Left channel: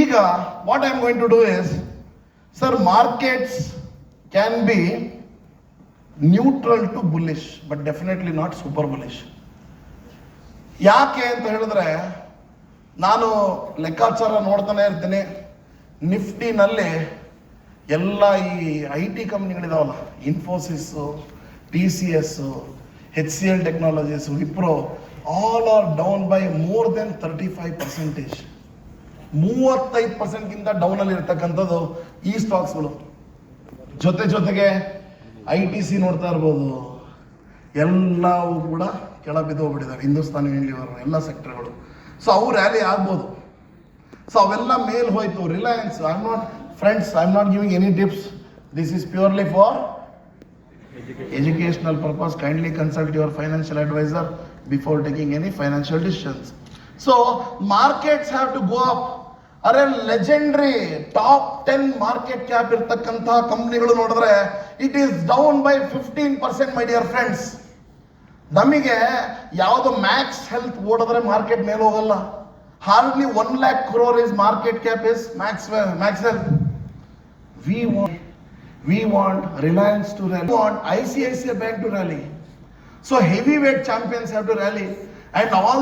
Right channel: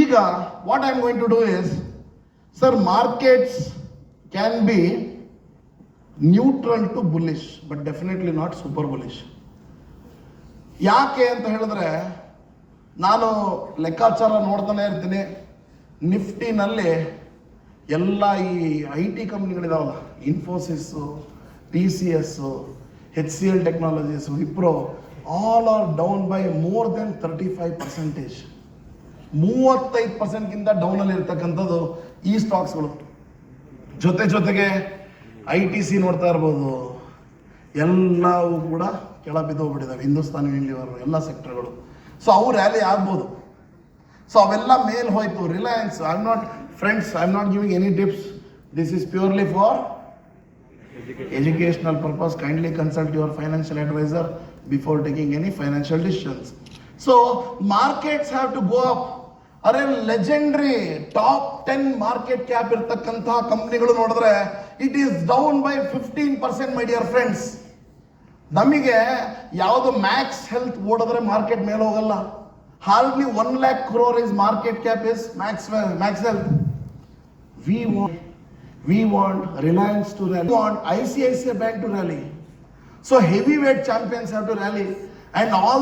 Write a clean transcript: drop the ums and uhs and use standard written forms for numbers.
ಈಗ what I am going to do is, sir, markets can be neutral to bullish, but definitely not super bullish. ಯಾಕೆ ಅಂತ ಹೇಳಿದ್ರೆ, ನಾನು ಲೆಕ್ಕಾಚಾರ ನೋಡ್ತಾನೆ ಇರ್ತೀನಿ. ನಿಫ್ಟಿನಲ್ಲಿ ಎಲ್ಲ ಈ IT ಕಂಪ್ನಿಗಳಿದಾವಲ್ಲ, Infosys, TCS, HCL technologies, Wipro, all are down by more than 35%. 35% ಡೌನಲ್ಲಿ ಇರ್ತಕ್ಕಂಥದ್ದು ಈ ಸ್ಟಾಕ್ಸ್ಗಳು. ಜೊತೆಗೆ ITC ನೋಡ್ತಾ ಇರ್ಬೋದು, ಎಲ್ಲವೂ ಕೂಡ ಕೆಳ ಬಿದ್ದೋಗ್ಬಿಟ್ಟಿದ್ದಾವೆ. ಹಿಂದೂಸ್ತಾನ್ ಯೂನಿಲಿವರ್ ಎಲ್ಲ ಸೆಕ್ಟರ್ಗಳು. ಸೊ ಅವು ರ್ಯಾಲಿ ಆಗ್ಬೋದು. ಸೊ ಅವೆಲ್ಲ ಮೇಲ್ ಹೋಯ್ತು. Reliance, I am not giving any tips. This is purely for educational purpose. Kindly consult your financial advisor before taking any financial decisions. So markets have to go up. Are legendary top 10 market cap irtakkanta ಕಂಪನಿಗಳು ನೋಡಿದ್ರೆ it is down by 15%, my dear friends. ನಮಗೆ ಯಾವುದು Max health ಓಡಿದ್ರೆ market ಮೇಲೆ ಹೋಗಲ್ಲ. Hardly 1 lakh crore is market cap is max health. We want Reliance to rally. We want ICICI Bank to rally. So heavyweight champions have to rally, and all